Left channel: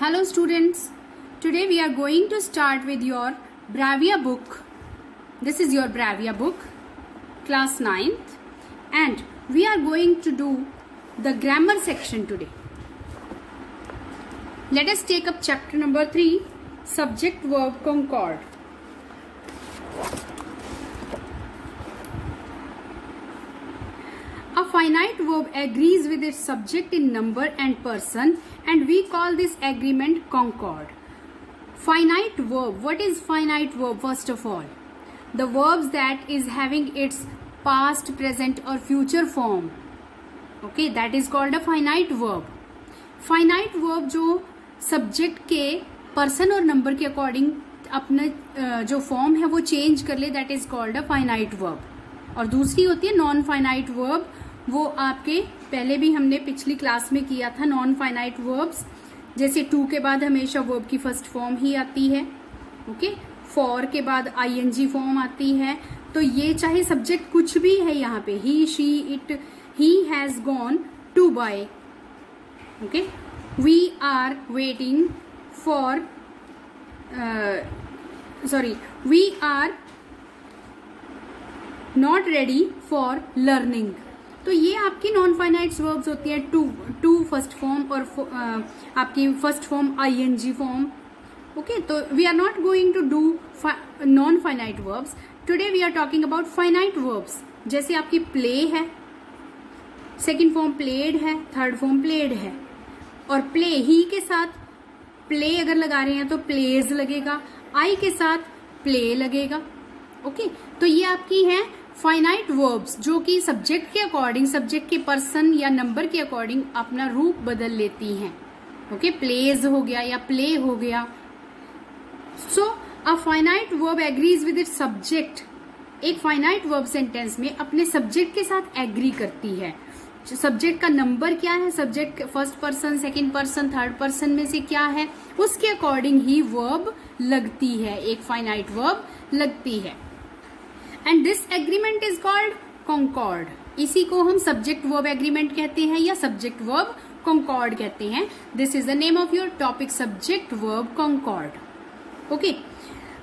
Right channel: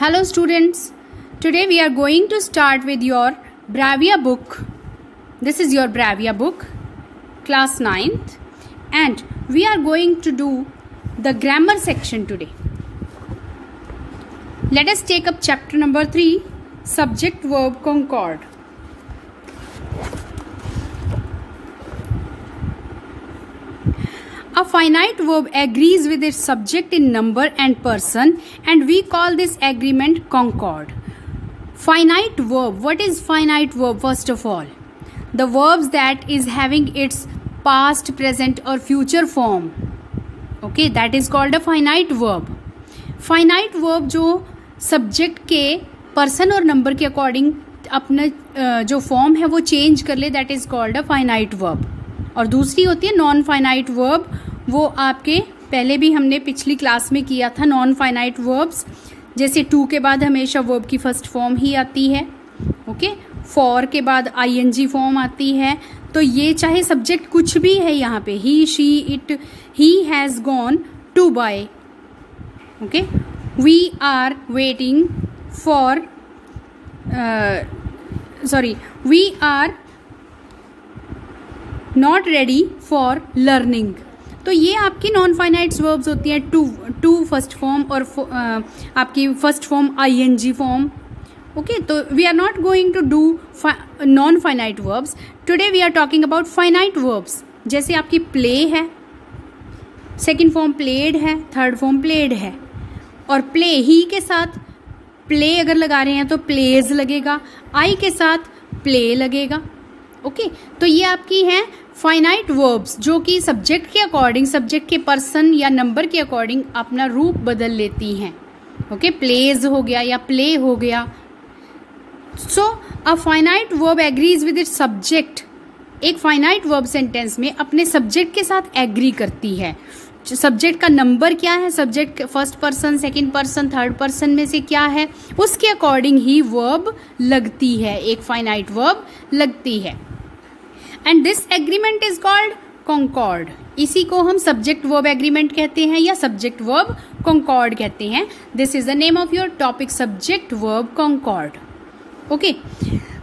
Hello students, today we are going to start with your Bravia book. This is your Bravia book, class 9th, and we are going to do the grammar section today. Let us take up chapter number 3, subject verb concord. A finite verb agrees with its subject in number and person, and we call this agreement concord. Finite verb. What is finite verb? First of all, the verbs that is having its past, present or future form. Okay, that is called a finite verb. Finite verb जो subject के person और number के according अपना जो form है वो change कर ले, that is called a finite verb. और दूसरी होती है नॉन फाइनाइट वर्ब. वो आपके पहले भी हमने पिछली क्लास में किया था. नॉन फाइनाइट वर्ब्स जैसे टू के बाद हमेशा वर्ब की फर्स्ट फॉर्म ही आती है. ओके, फॉर के बाद आईएनजी फॉर्म आती है. तो ये चाहे सब्जेक्ट कुछ भी है यहाँ पे, he, she, it, he has gone to buy. Okay, we are waiting for we are not ready for learning. तो ये आपकी नॉन फाइनाइट वर्ब्स होती है. टू फर्स्ट फॉर्म और आपकी first form ING form. Okay, तो we are not going to do non finite verbs. Today we are talking about finite verbs. जैसे आपकी प्ले है, सेकेंड फॉर्म प्लेड है, third form played है. और play ही के साथ प्ले अगर लगा रहे हैं तो प्लेज लगेगा, आई के साथ प्ले लगेगा. ओके, तो ये आपकी है फाइनाइट वर्ब्स जो कि सब्जेक्ट के अकॉर्डिंग, सब्जेक्ट के पर्सन या नंबर के अकॉर्डिंग अपना रूप बदल लेती हैं. ओके, प्लेज हो गया या प्ले हो गया. So a finite verb agrees with its subject. एक फाइनाइट वर्ब सेंटेंस में अपने सब्जेक्ट के साथ एग्री करती है. सब्जेक्ट का नंबर क्या है, subject first person, second person, third person में से क्या है, उसके अकॉर्डिंग ही वर्ब लगती है. एक फाइनाइट वर्ब लगती है. And this agreement is called concord. इसी को हम सब्जेक्ट वर्ब एग्रीमेंट कहते हैं या सब्जेक्ट वर्ब कॉन्कॉर्ड कहते हैं. This is the name of your topic, subject verb concord. Okay,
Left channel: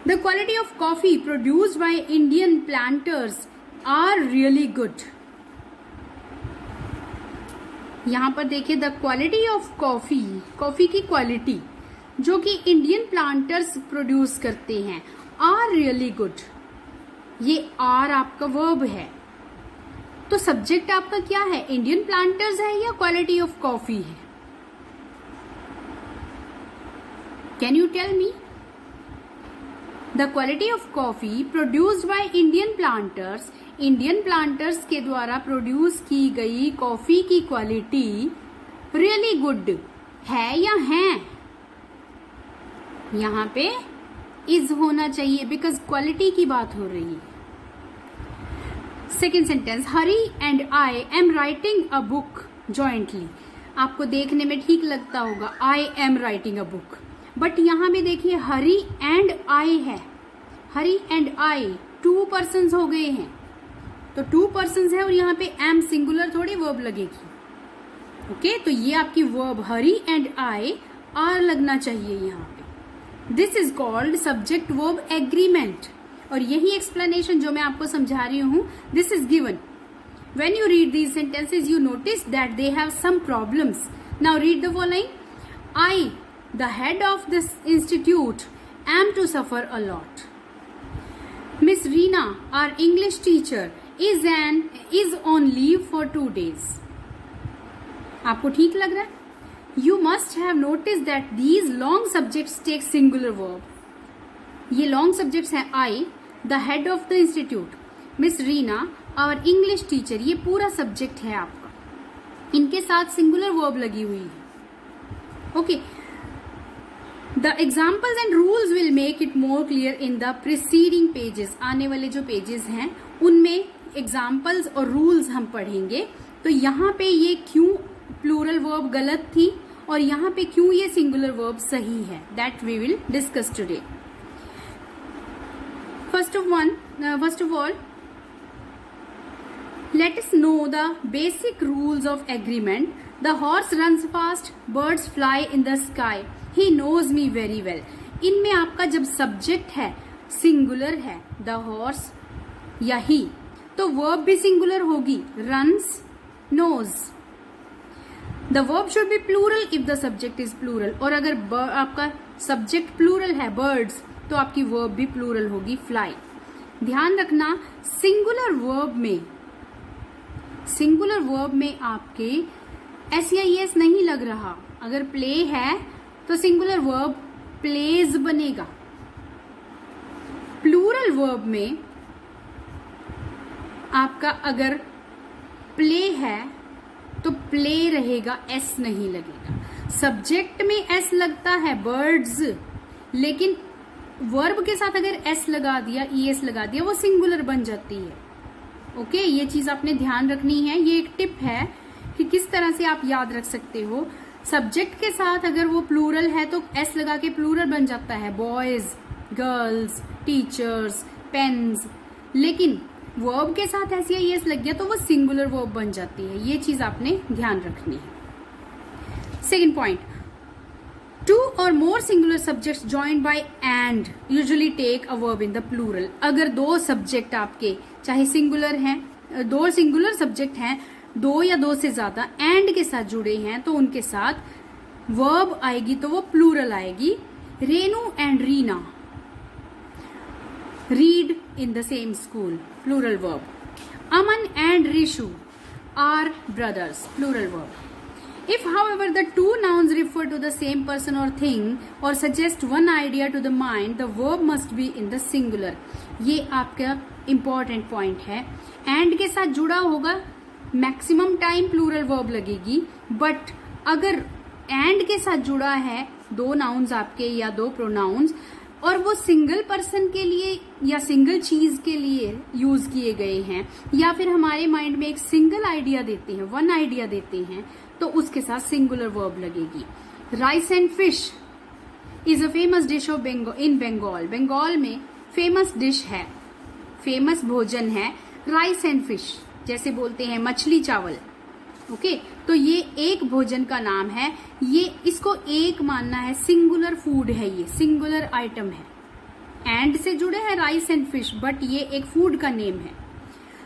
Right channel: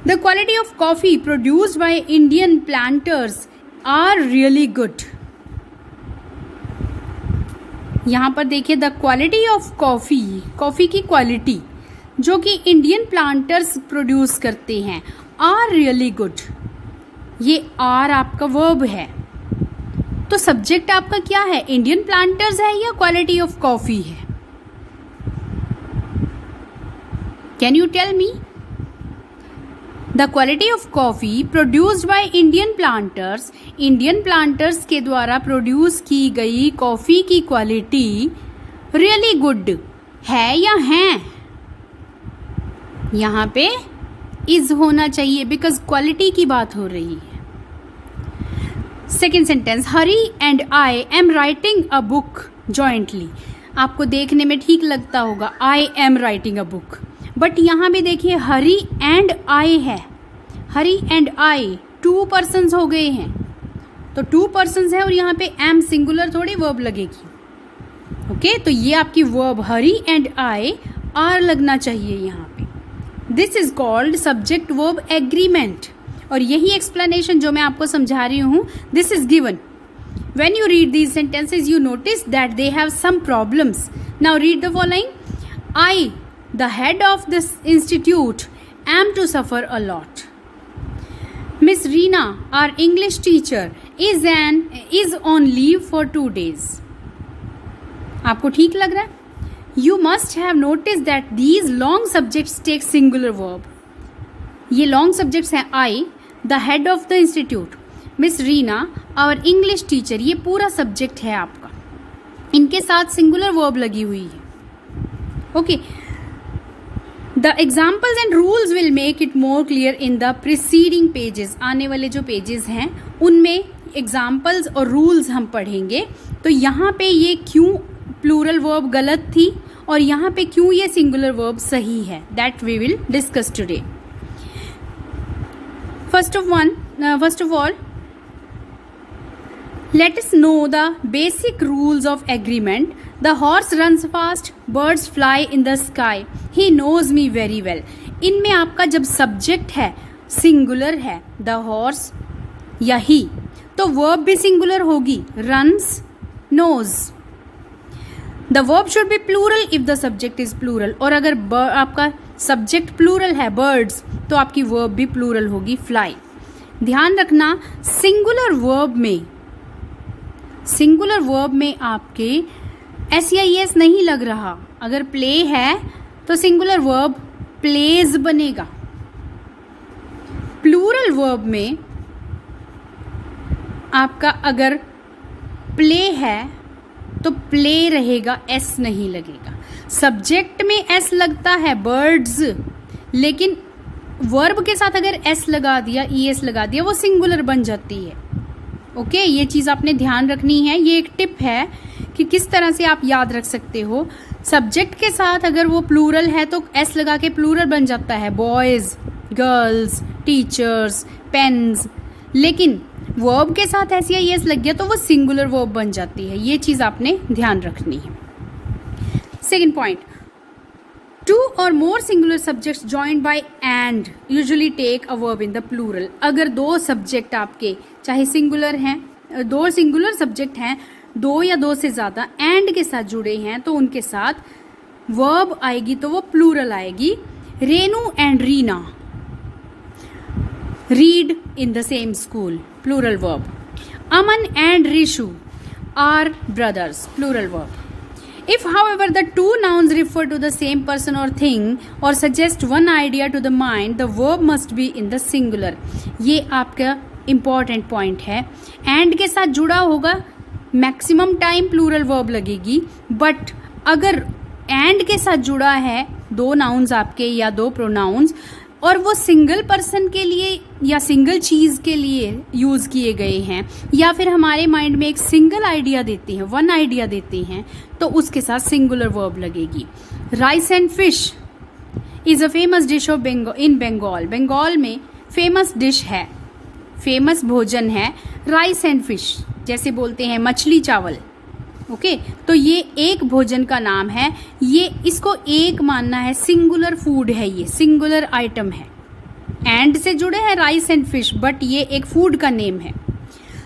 the quality of coffee produced by Indian planters are really good. यहां पर देखिए, the quality of coffee, coffee की quality जो कि Indian planters produce करते हैं, are really good. ये are आपका वर्ब है. तो सब्जेक्ट आपका क्या है, इंडियन प्लांटर्स है या क्वालिटी ऑफ कॉफी है? Can you tell me? The quality of coffee produced by Indian planters. Indian planters के द्वारा प्रोड्यूस की गई कॉफी की क्वालिटी रियली गुड है या है? यहां पे इज होना चाहिए बिकॉज क्वालिटी की बात हो रही है. Second sentence, Hari and I am writing a book jointly. आपको देखने में ठीक लगता होगा, I am writing a book, but यहां भी देखिए हरी एंड आई है. हरी एंड आई टू पर्सन्स हो गए हैं. तो टू पर्सन्स है और यहाँ पे एम सिंगुलर थोड़ी वर्ब लगेगी. ओके, तो ये आपकी verb here and I are लगना चाहिए यहाँ पे. This is called subject verb agreement. और यही एक्सप्लेनेशन जो मैं आपको समझा रही हूं, this is given. When you read these sentences you notice that they have some problems. Now read the following. I, the head of this institute, am to suffer a lot. Miss Reena, our English teacher, is on leave for 2 days. आपको ठीक लग रहा है? You must have noticed that these long subjects take singular verb. ये long subjects हैं I, the head of the institute, Miss Reena, our English teacher. ये पूरा subject है आपका. इनके साथ singular verb लगी हुई है. Okay. The examples and rules will make it more clear in the preceding pages. आने वाले जो pages हैं उनमें examples और rules हम पढ़ेंगे. तो यहाँ पे ये क्यों plural verb गलत थी और यहाँ पे क्यों ये सिंगुलर वर्ब सही है, that we will discuss today. First of all let us know the basic rules of agreement. The horse runs fast, birds fly in the sky, he knows me very well. इनमें आपका जब subject है singular है, the horse या ही, तो verb भी singular होगी, runs, knows. The verb should be plural if the subject is plural. और अगर आपका सब्जेक्ट प्लूरल है बर्ड्स, तो आपकी वर्ब भी प्लूरल होगी, फ्लाई। ध्यान रखना सिंगुलर वर्ब में आपके SEIS नहीं लग रहा। अगर प्ले है तो सिंगुलर वर्ब प्लेज बनेगा। प्लूरल वर्ब में आपका अगर प्ले है तो प्ले रहेगा, S नहीं लगेगा। सब्जेक्ट में S लगता है बर्ड्स, लेकिन वर्ब के साथ अगर S लगा दिया, ES लगा दिया, वो सिंगुलर बन जाती है। ओके, ये चीज आपने ध्यान रखनी है। ये एक टिप है कि किस तरह से आप याद रख सकते हो। सब्जेक्ट के साथ अगर वो प्लूरल है तो S लगा के प्लूरल बन जाता है, बॉयज, गर्ल्स, टीचर्स, पेन्स। लेकिन वर्ब के साथ SEIS लग गया तो वो सिंगुलर वर्ब बन जाती है। ये चीज आपने ध्यान रखनी है। सेकेंड पॉइंट, टू और more singular subjects joined by and usually take a verb in the plural. अगर दो सब्जेक्ट आपके चाहे सिंगुलर हैं, दो सिंगुलर सब्जेक्ट हैं, दो या दो से ज्यादा एंड के साथ जुड़े हैं, तो उनके साथ वर्ब आएगी तो वो प्लूरल आएगी। Renu and Reena read in the same school, plural verb. Aman and Rishu are brothers, plural verb. If, however, the two nouns refer to the same person or thing or suggest one idea to the mind, the verb must be in the singular. ये आपका important point है। and के साथ जुड़ा होगा, maximum time plural verb लगेगी। But अगर and के साथ जुड़ा है दो नाउन्स आपके या दो प्रोनाउंस, और वो सिंगल पर्सन के लिए या सिंगल चीज के लिए यूज किए गए हैं, या फिर हमारे माइंड में एक सिंगल आइडिया देते हैं, वन आइडिया देते हैं, तो उसके साथ सिंगुलर वर्ब लगेगी। Rice and fish is a famous dish of in Bengal. Bengal में फेमस डिश है, फेमस भोजन है राइस एंड फिश, जैसे बोलते हैं मछली चावल। ओके, तो ये एक भोजन का नाम है, ये इसको एक मानना है, सिंगुलर फूड है, ये सिंगुलर आइटम है। एंड से जुड़े हैं राइस एंड फिश, बट ये एक फूड का नेम है।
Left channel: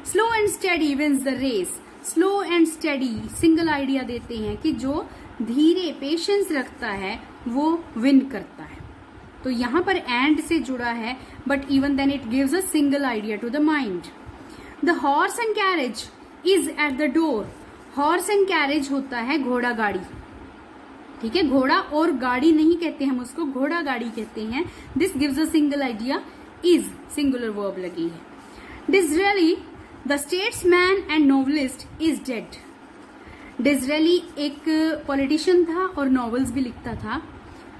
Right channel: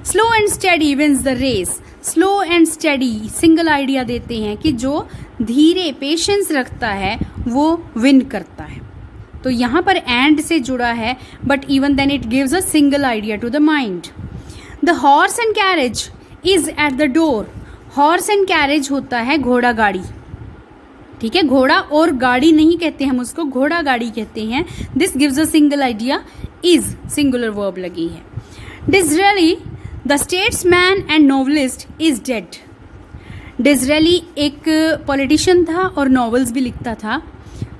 Slow and steady wins the race. Slow and steady single idea देते हैं कि जो धीरे पेशेंस रखता है वो विन करता है। तो यहां पर एंड से जुड़ा है, but even then it gives a single idea to the mind. The horse and carriage is at the door. Horse and carriage होता है घोड़ा गाड़ी, ठीक है, घोड़ा और गाड़ी नहीं कहते हम उसको, घोड़ा गाड़ी कहते हैं। This gives a single idea, is singular verb लगी है। Disraeli the statesman and novelist is dead. Disraeli एक पॉलिटिशियन था और नॉवेल्स भी लिखता था,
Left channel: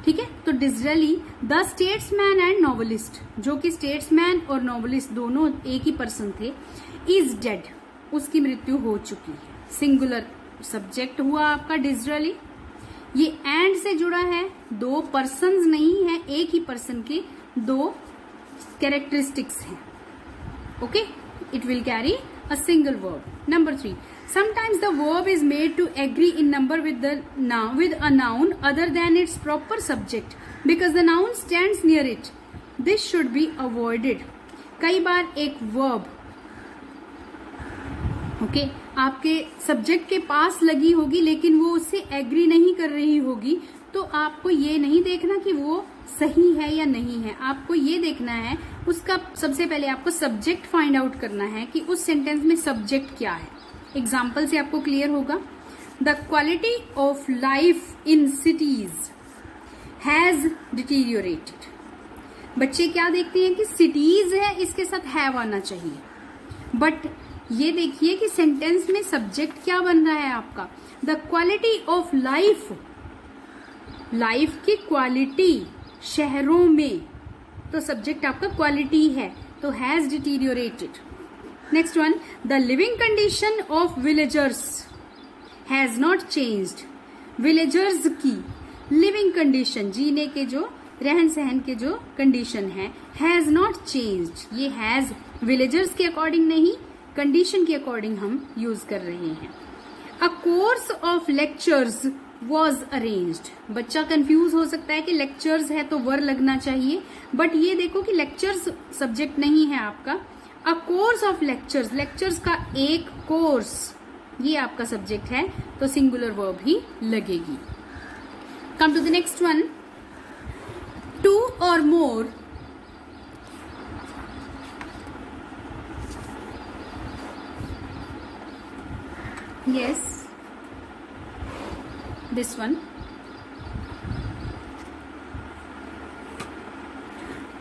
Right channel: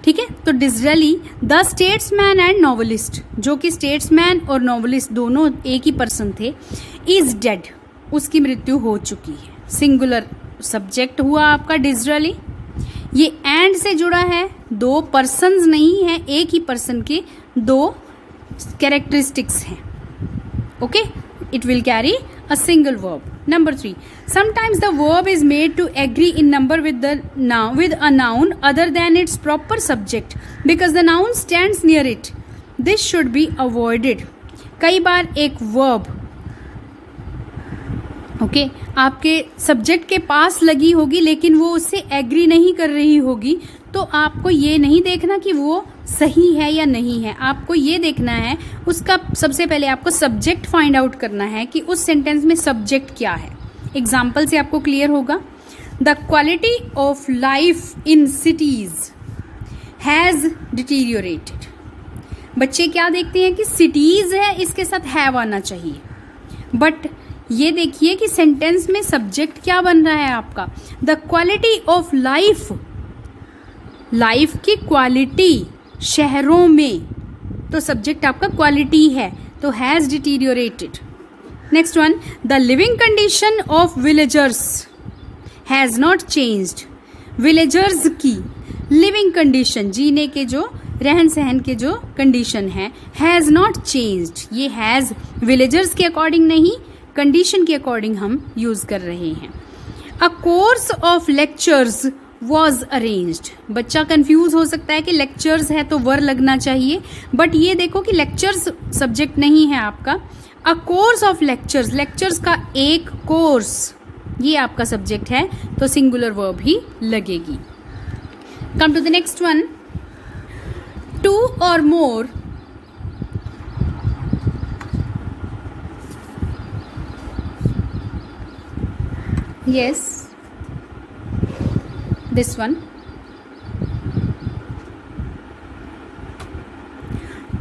ठीक है। तो डिज़रेली द स्टेट्समैन एंड नॉवलिस्ट, जो कि स्टेट्समैन और नॉवलिस्ट दोनों एक ही पर्सन थे, इज डेड, उसकी मृत्यु हो चुकी है। सिंगुलर सब्जेक्ट हुआ आपका डिज़रेली। ये एंड से जुड़ा है, दो पर्सन्स नहीं है, एक ही पर्सन के दो कैरेक्टरिस्टिक्स हैं। Okay, it will carry a single verb. Number 3, sometimes the verb is made to agree in number with a noun other than its proper subject because the noun stands near it. This should be avoided. कई बार एक verb okay आपके subject के पास लगी होगी लेकिन वो उससे agree नहीं कर रही होगी, तो आपको ये नहीं देखना कि वो सही है या नहीं है, आपको ये देखना है उसका सबसे पहले आपको सब्जेक्ट फाइंड आउट करना है कि उस सेंटेंस में सब्जेक्ट क्या है। एग्जाम्पल से आपको क्लियर होगा। The quality of life in cities has deteriorated. बच्चे क्या देखते हैं कि सिटीज है, इसके साथ हैव आना चाहिए, बट ये देखिए कि सेंटेंस में सब्जेक्ट क्या बन रहा है आपका, the quality of life, life की क्वालिटी शहरों में, तो सब्जेक्ट आपका क्वालिटी है, तो has deteriorated. Next one, the living condition of villagers has not changed. Villagers की लिविंग कंडीशन, जीने के जो रहन सहन के जो कंडीशन है, हैज नॉट चेंज्ड। ये हैज विलेजर्स के अकॉर्डिंग नहीं, कंडीशन के अकॉर्डिंग हम यूज कर रहे हैं। A course of lectures was arranged. बच्चा कंफ्यूज हो सकता है कि लेक्चर्स है तो वर लगना चाहिए, बट ये देखो कि लेक्चर्स सब्जेक्ट नहीं है आपका। अ कोर्स ऑफ लेक्चर्स, लेक्चर्स का एक कोर्स, ये आपका सब्जेक्ट है, तो सिंगुलर वर्ब ही लगेगी। Come to the next one, two और more yes this one,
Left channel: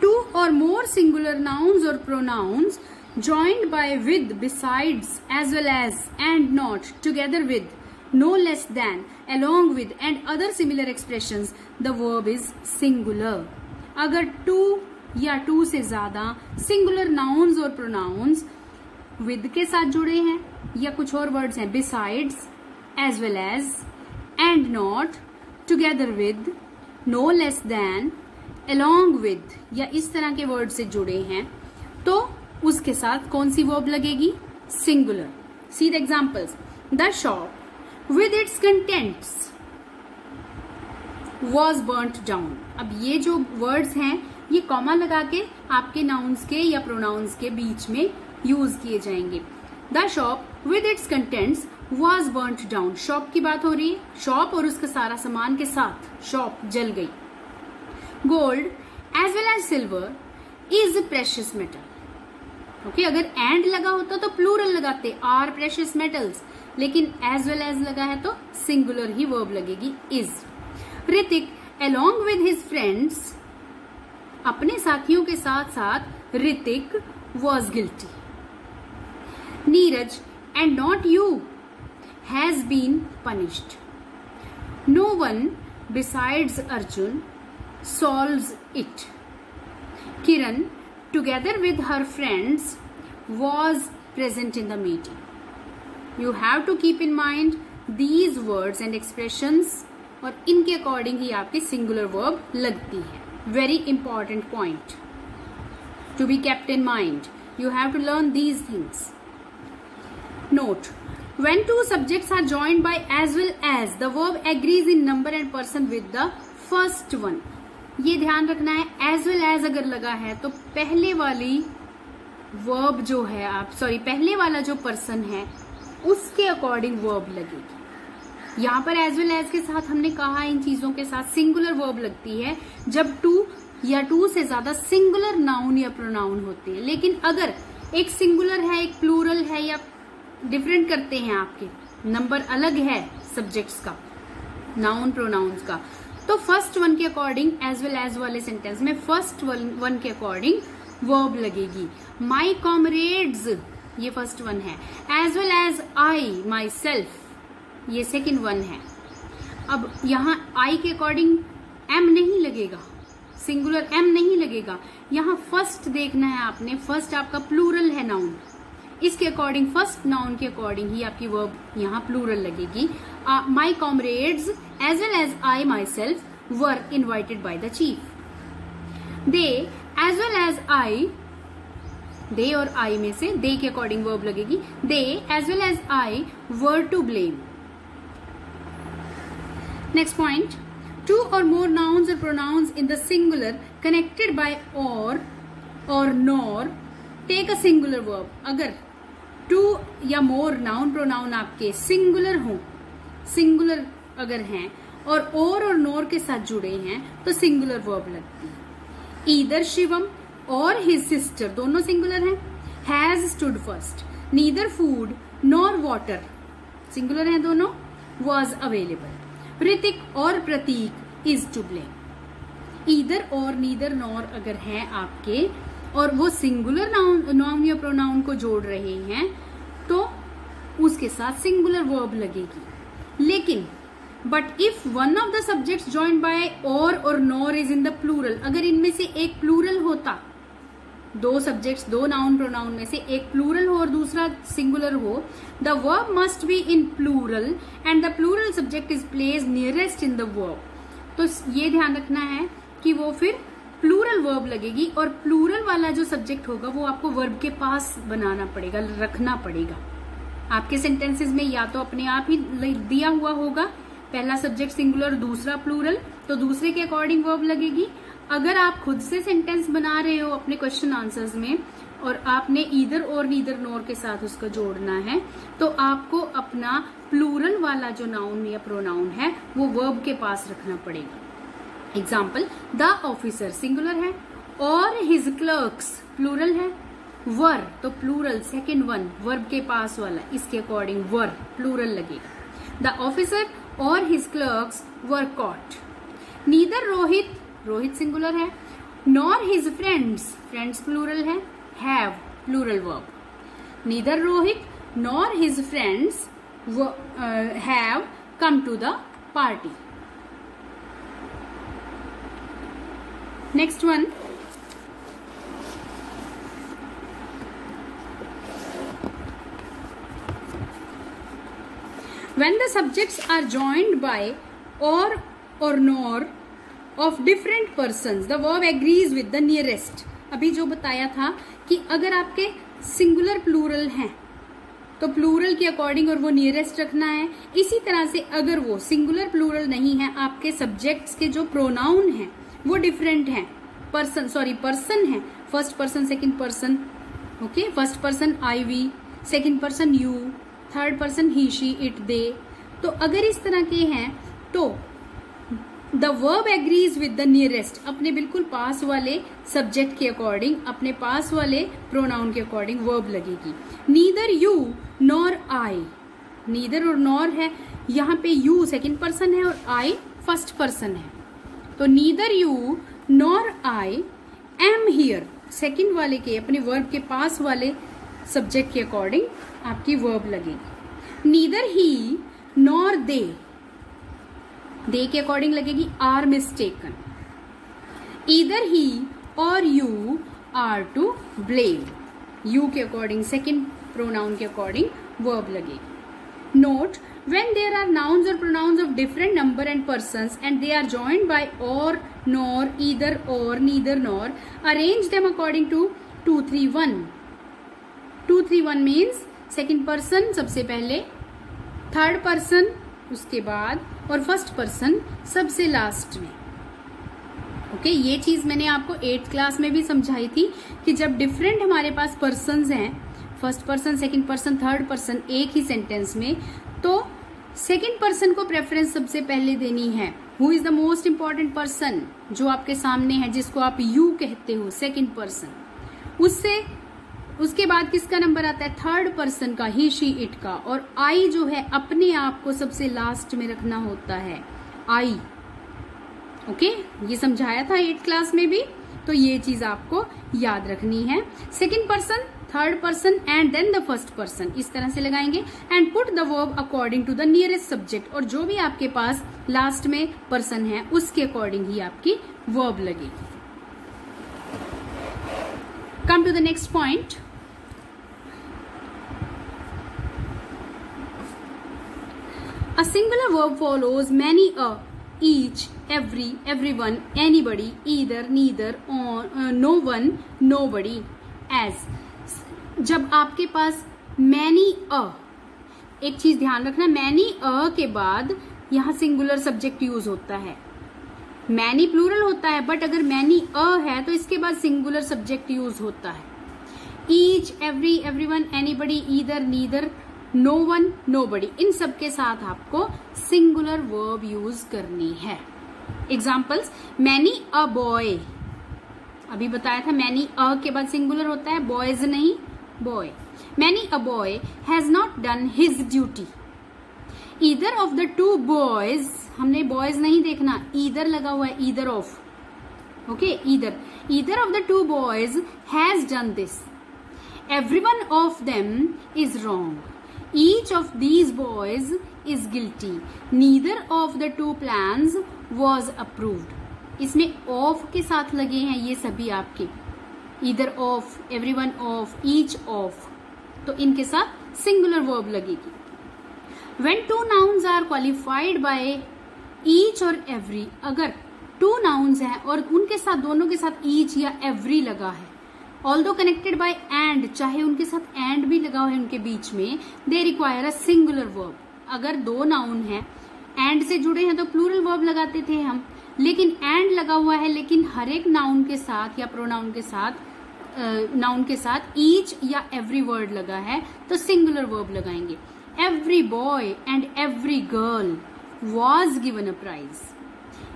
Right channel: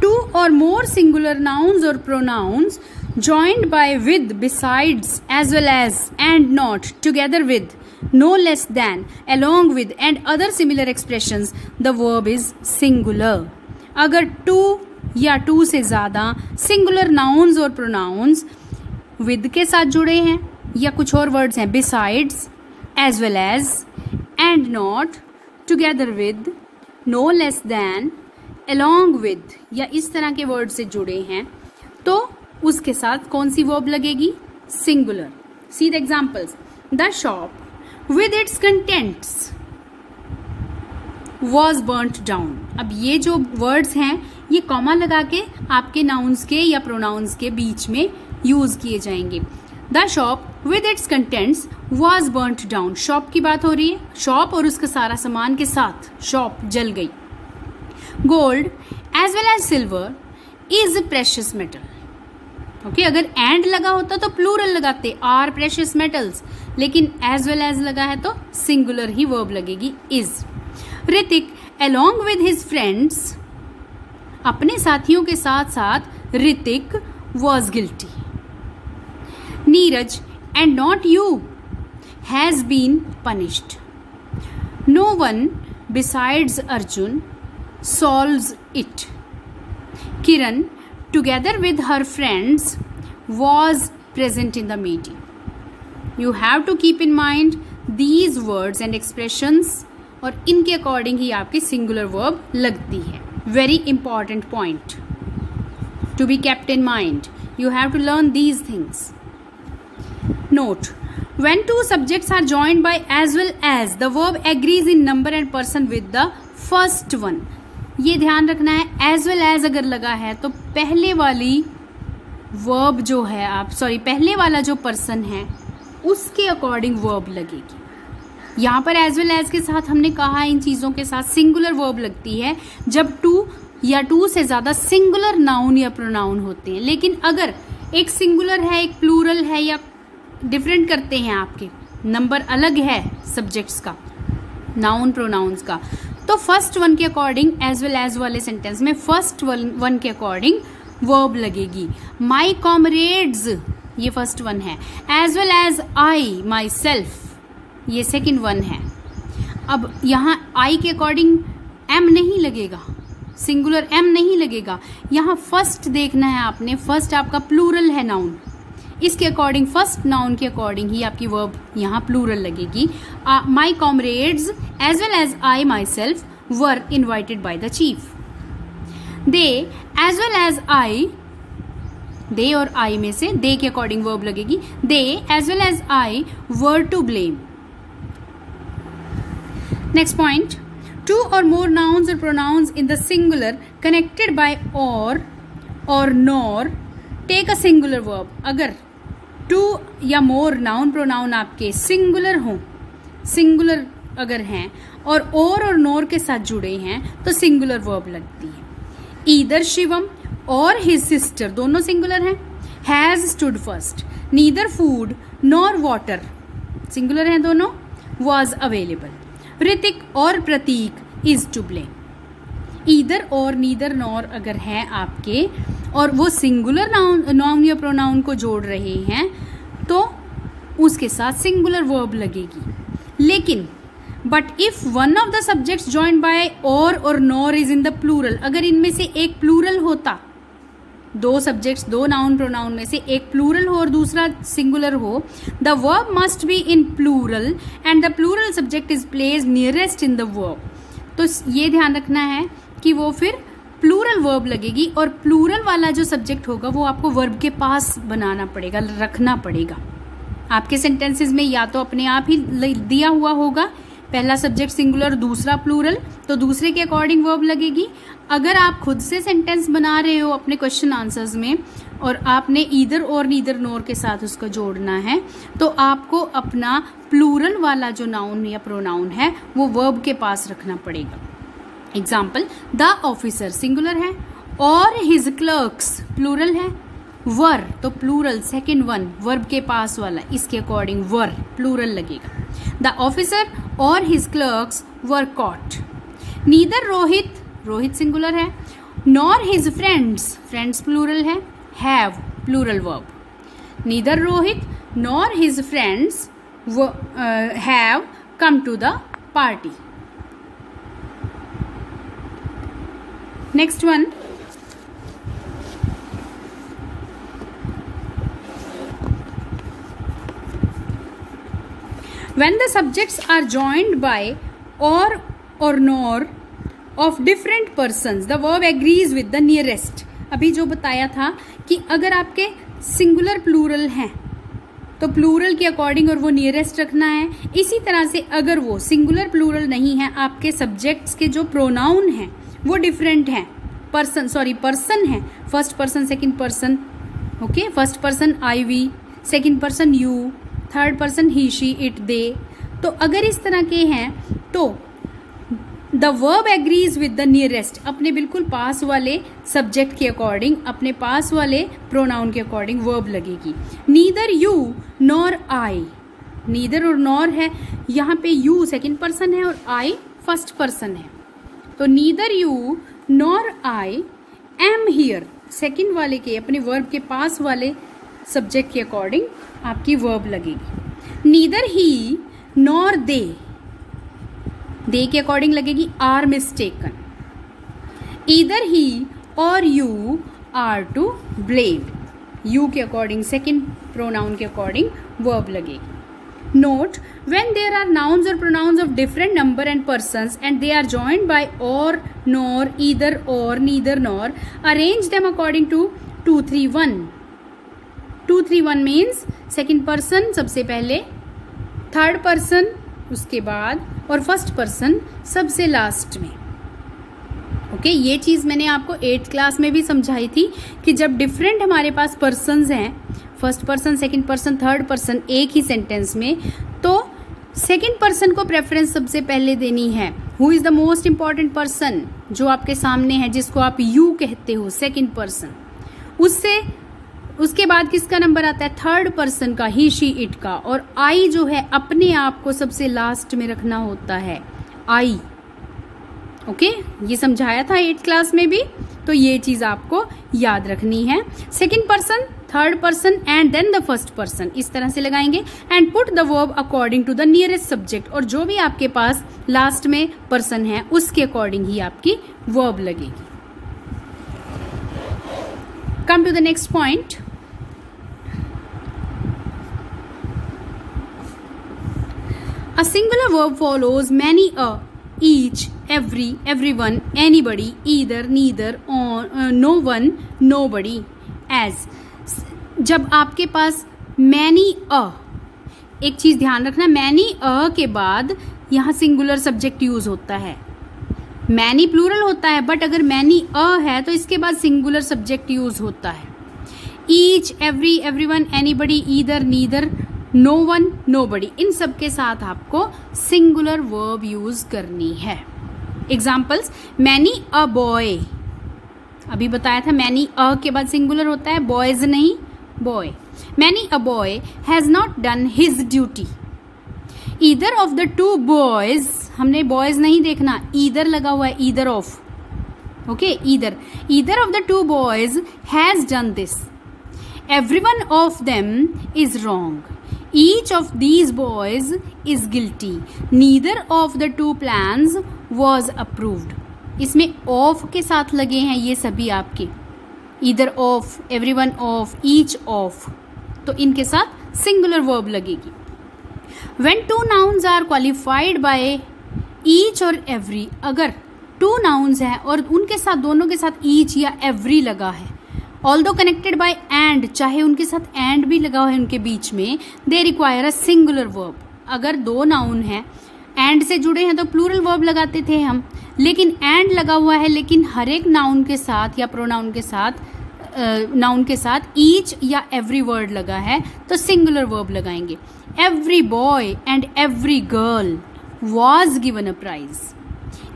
two or more singular nouns or pronouns joined by, with, besides, as well as, and not, together with, no less than, along with and other similar expressions, the verb is singular। अगर two या two से ज्यादा singular nouns और pronouns with के साथ जुड़े हैं या कुछ और वर्ड्स हैं, besides, as well as, and not, together with, no less than, along with या इस तरह के वर्ड से जुड़े हैं, तो उसके साथ कौन सी वर्ब लगेगी? Singular. See the examples, the shop with its contents was burnt down. अब ये जो वर्ड्स हैं ये कॉमा लगा के आपके नाउन्स के या प्रोनाउंस के बीच में यूज किए जाएंगे। The shop with its contents was burnt down, shop की बात हो रही है, शॉप और उसका सारा सामान के साथ शॉप जल गई। Gold as well as silver is precious metal. Okay, अगर एंड लगा होता तो प्लूरल लगाते, आर प्रेशियस मेटल्स, लेकिन एज वेल एज लगा है तो सिंगुलर ही वर्ब लगेगी, is. Hrithik along with his friends, अपने साथियों के साथ साथ Hrithik was guilty। Neeraj and not you has been punished। No one besides Arjun solves it। Kiran together with her friends was present in the meeting। You have to keep in mind these words and expressions और इनके according ही आपकी singular verb लगती है। Very important point to be kept in mind, you have to learn these things. Note, when two subjects are joined by as well as, the verb agrees in number and person with the first one. ये ध्यान रखना है, as well as अगर लगा है तो पहले वाली वर्ब जो है पहले वाला जो पर्सन है उसके अकॉर्डिंग वर्ब लगेगी। यहाँ पर एज वेल एज के साथ हमने कहा इन चीजों के साथ सिंगुलर वर्ब लगती है जब टू या टू से ज्यादा सिंगुलर नाउन या प्रोनाउन होते हैं। लेकिन अगर एक सिंगुलर है एक प्लूरल है या डिफरेंट करते हैं, आपके नंबर अलग है सब्जेक्ट्स का, नाउन प्रोनाउंस का, तो फर्स्ट वन के अकॉर्डिंग एज वेल एज वाले सेंटेंस में फर्स्ट वन के अकॉर्डिंग वर्ब लगेगी। माई कॉमरेड्स ये फर्स्ट वन है, as well as I myself ये सेकंड वन है। अब यहाँ आई के अकॉर्डिंग एम नहीं लगेगा, सिंगुलर एम नहीं लगेगा, यहाँ फर्स्ट देखना है आपने, फर्स्ट आपका प्लूरल है नाउन, इसके अकॉर्डिंग फर्स्ट नाउन के अकॉर्डिंग ही आपकी वर्ब यहाँ प्लूरल लगेगी। My comrades as well as I myself were invited by the chief. They as well as I, they और आई में से दे के अकॉर्डिंग वर्ब लगेगी, they as well as I were to blame. Next point, two or more nouns or pronouns in the singular connected by or nor take a singular verb। अगर two या more noun pronoun आपके singular हों, singular अगर हैं और nor के साथ जुड़े हैं तो singular verb लगती है। Either शिवम और his sister दोनों singular हैं, has stood first। Neither food nor water singular हैं दोनों, was available। ऋतिक और प्रतीक इज टू ब्लेम। ईदर और नीदर नॉर अगर है आपके और वो सिंगुलर नाउन या प्रोनाउन को जोड़ रहे हैं तो उसके साथ सिंगुलर वर्ब लगेगी। लेकिन but if one of the subjects joined by or nor is in the plural, अगर इनमें से एक प्लूरल होता, दो सब्जेक्ट्स दो नाउन प्रोनाउन में से एक प्लूरल हो और दूसरा सिंगुलर हो, the verb must be in plural and the plural subject is placed nearest in the verb. तो ये ध्यान रखना है कि वो फिर प्लूरल वर्ब लगेगी और प्लूरल वाला जो सब्जेक्ट होगा वो आपको वर्ब के पास बनाना पड़ेगा, रखना पड़ेगा। आपके सेंटेंसेस में या तो अपने आप ही दिया हुआ होगा, पहला सब्जेक्ट सिंगुलर दूसरा प्लूरल, तो दूसरे के अकॉर्डिंग वर्ब लगेगी। अगर आप खुद से सेंटेंस बना रहे हो अपने क्वेश्चन आंसर्स में और आपने ईदर और नीदर नोर के साथ उसको जोड़ना है, तो आपको अपना प्लूरल वाला जो नाउन या प्रोनाउन है वो वर्ब के पास रखना पड़ेगा। एग्जाम्पल, द ऑफिसर सिंगुलर है और हिज क्लर्क्स प्लूरल है, वर तो प्लूरल सेकेंड वन वर्ब के पास वाला, इसके अकॉर्डिंग वर प्लूरल लगेगा। The officer or his clerks were caught. Neither Rohit, Rohit singular है, nor his friends, friends plural है, have plural verb. Neither Rohit nor his friends have come to the party. Next one, when the subjects are joined by or nor of different persons, the verb agrees with the nearest। अभी जो बताया था कि अगर आपके singular plural हैं तो plural के अकॉर्डिंग और वो नियरेस्ट रखना है। इसी तरह से अगर वो सिंगुलर प्लूरल नहीं है, आपके सब्जेक्ट्स के जो प्रोनाउन हैं वो डिफरेंट हैं, पर्सन है, first person second person, okay, first person I we, second person you, third person he she it they, तो अगर इस तरह के हैं तो the verb agrees with the nearest, अपने बिल्कुल पास वाले सब्जेक्ट के अकॉर्डिंग, अपने पास वाले प्रोनाउन के अकॉर्डिंग वर्ब लगेगी। Neither you nor I, neither और नॉर है, यहाँ पे यू सेकंड पर्सन है और आई फर्स्ट पर्सन है, तो neither you nor I am here, second वाले के अपने वर्ब के पास वाले सब्जेक्ट के अकॉर्डिंग आपकी वर्ब लगेगी। नीदर ही नॉर दे, दे के अकॉर्डिंग लगेगी आर मिस्टेकन। ईदर ही और you are to blame, you के अकॉर्डिंग सेकंड प्रोनाउन के अकॉर्डिंग वर्ब लगेगी। Note, when there are nouns or pronouns of different number and persons and they are joined by or, nor, either or, neither nor, arrange them according to 2-3-1। 2-3-1 means second person सबसे पहले, third person उसके बाद और first person सबसे last में। Okay, ये चीज मैंने आपको 8th क्लास में भी समझाई थी कि जब डिफरेंट हमारे पास पर्सन्स हैं, first person second person third person एक ही सेंटेंस में, तो सेकेंड पर्सन को प्रेफरेंस सबसे पहले देनी है। Who is the most important person, जो आपके सामने है, जिसको आप यू कहते हो, सेकेंड पर्सन, उसके बाद किसका नंबर आता है, थर्ड पर्सन का, ही शी इट का, और आई जो है अपने आप को सबसे लास्ट में रखना होता है, आई। ओके, ये समझाया था 8th क्लास में भी, तो ये चीज आपको याद रखनी है। Second person, third person and then the first person, इस तरह से लगाएंगे। And put the verb according to the nearest subject, और जो भी आपके पास लास्ट में पर्सन है उसके अकॉर्डिंग ही आपकी वर्ब लगेगी। Come to the next point. A singular verb follows many a, each, every, everyone, anybody, either, neither, no one, nobody, as। जब आपके पास many a, एक चीज ध्यान रखना, many a के बाद यहाँ सिंगुलर सब्जेक्ट यूज होता है, many प्लूरल होता है, बट अगर many a है तो इसके बाद सिंगुलर सब्जेक्ट यूज होता है। each, every, everyone, anybody, either, neither, no one, nobody, इन सब के साथ आपको सिंगुलर वर्ब यूज करनी है। एग्जाम्पल्स, मैनी अ बॉय, अभी बताया था मैनी अ के बाद सिंगुलर होता है, बॉयज नहीं, boy. Many a boy has not done his duty. Either of the two boys, हमने बॉयज नहीं देखना, ईदर लगा हुआ है, either of, okay, either of the two boys has done this. Everyone of them is wrong. Each of these boys is guilty. Neither of the two plans was approved. इसमें of के साथ लगे हैं ये सभी आपके, either of, everyone of, each of, तो इनके साथ singular verb लगेगी। When two nouns are qualified by each और every, अगर two nouns हैं और उनके साथ, दोनों के साथ each या every लगा है, ऑल्दो कनेक्टेड बाय एंड, चाहे उनके साथ एंड भी लगा हुआ है उनके बीच में, they require a singular verb. अगर दो नाउन है, एंड से जुड़े हैं तो प्लूरल वर्ब लगाते थे हम, लेकिन एंड लगा हुआ है, लेकिन हर एक नाउन के साथ या प्रोनाउन के साथ नाउन के साथ ईच या एवरी वर्ड लगा है तो सिंगुलर वर्ब लगाएंगे। Every boy and every girl was given a prize.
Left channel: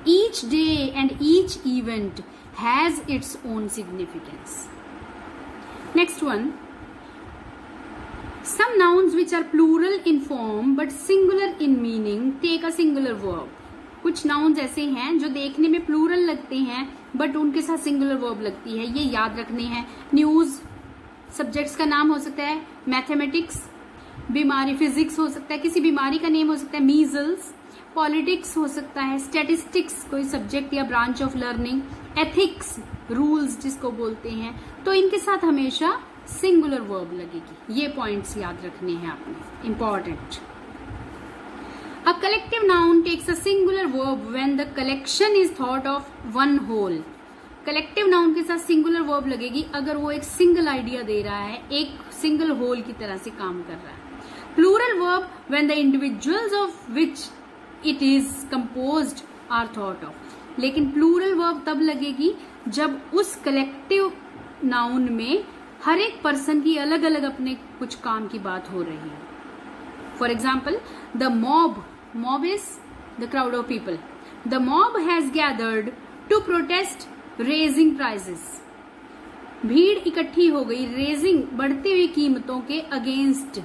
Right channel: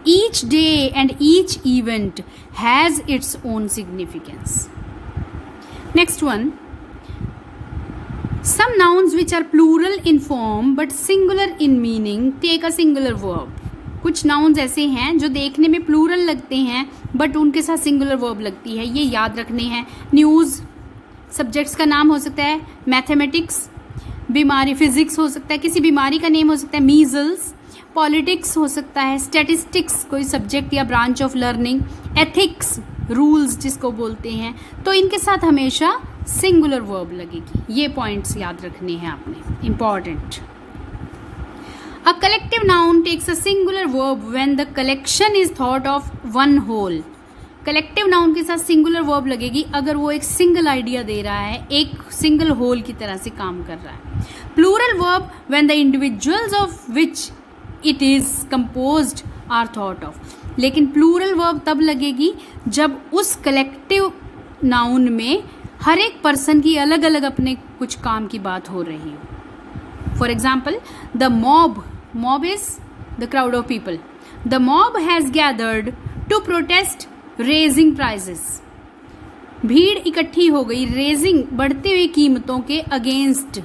Each day and each event has its own significance. Next one, some nouns which are plural in form but singular in meaning take a singular verb। कुछ nouns ऐसे हैं जो देखने में plural लगते हैं but उनके साथ सिंगुलर वर्ब लगती है, ये याद रखने हैं। न्यूज सब्जेक्ट्स का नाम हो सकता है, मैथमेटिक्स बीमारी, फिजिक्स हो सकता है, किसी बीमारी का नेम हो सकता है, मीजल्स, पॉलिटिक्स हो सकता है, स्टैटिस्टिक्स कोई सब्जेक्ट या branch of learning, ethics rules जिसको बोलते हैं, तो इनके साथ हमेशा सिंगुलर वर्ब लगेगी। ये पॉइंट्स याद रखने हैं आपने, important. A collective noun takes a singular verb when the collection is thought of one whole. Collective noun के साथ सिंगुलर वर्ब लगेगी अगर वो एक सिंगल आइडिया दे रहा है, एक सिंगल होल की तरह से काम कर रहा है। Plural verb when the individuals of which it is composed are thought of. लेकिन प्लूरल वर्ब तब लगेगी जब उस कलेक्टिव नाउन में हर एक पर्सन की अलग अलग अपने कुछ काम की बात हो रही है। For example, the mob is the crowd of people. The mob has gathered to protest raising prices. भीड़ इकट्ठी हो गई रेजिंग बढ़ती हुई कीमतों के अगेंस्ट,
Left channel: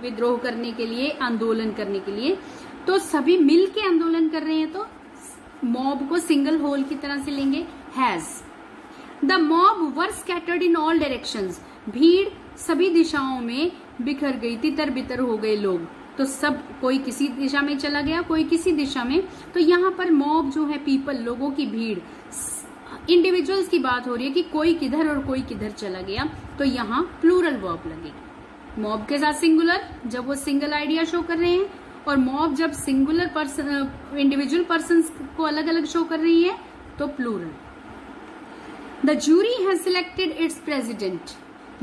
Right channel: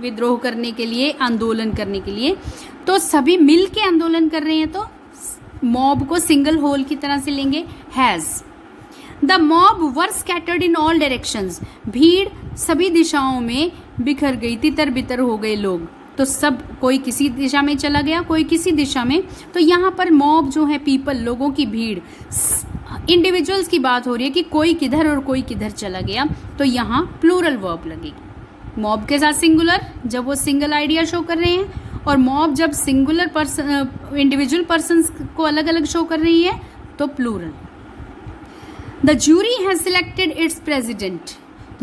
विद्रोह करने के लिए, आंदोलन करने के लिए। तो सभी मिल के आंदोलन कर रहे हैं तो मॉब को सिंगल होल की तरह से लेंगे, has. The mob were scattered in all directions. भीड़ सभी दिशाओं में बिखर गई, तितर बितर हो गए लोग, तो सब कोई किसी दिशा में चला गया, कोई किसी दिशा में। तो यहाँ पर मॉब जो है पीपल, लोगों की भीड़, इंडिविजुअल्स की बात हो रही है कि कोई किधर और कोई किधर चला गया, तो यहाँ प्लूरल वर्ब लगेगी। मॉब के साथ सिंगुलर जब वो सिंगल आइडिया शो कर रहे हैं, और मॉब जब सिंगुलर पर्सन, इंडिविजुअल पर्सन को अलग अलग शो कर रही है तो plural. The jury has selected its president.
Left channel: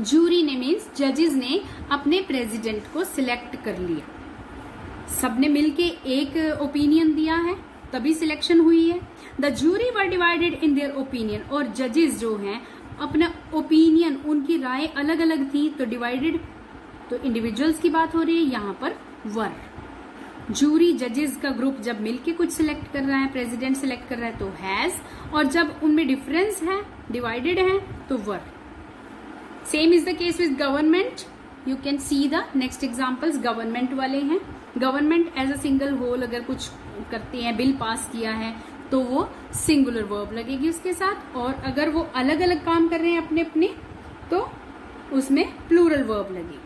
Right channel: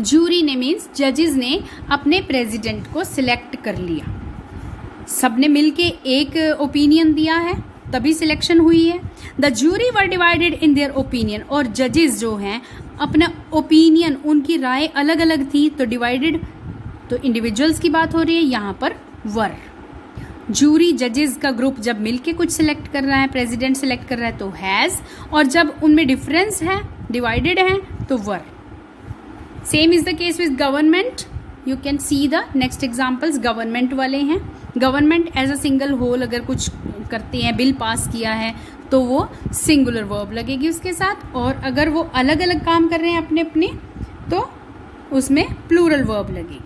Jury ने मीन्स जजेस ने अपने प्रेसिडेंट को सिलेक्ट कर लिया। सबने मिलके एक ओपिनियन दिया है तभी सिलेक्शन हुई है। The jury were divided in their opinion. और जजेस जो हैं अपना ओपिनियन, उनकी राय अलग अलग थी तो डिवाइडेड, तो इंडिविजुअल्स की बात हो रही है, यहाँ पर वर। जूरी जजेस का ग्रुप जब मिलके कुछ सिलेक्ट कर रहा है, प्रेसिडेंट सिलेक्ट कर रहा है तो हैज, और जब उनमें डिफरेंस है, डिवाइडेड है तो were. Same is the case with government. You can see the next examples government वाले हैं। Government as a single whole अगर कुछ करते हैं, बिल पास किया है तो वो सिंगुलर वर्ब लगेगी उसके साथ, और अगर वो अलग अलग काम कर रहे हैं अपने अपने तो उसमें प्लूरल वर्ब लगेगी।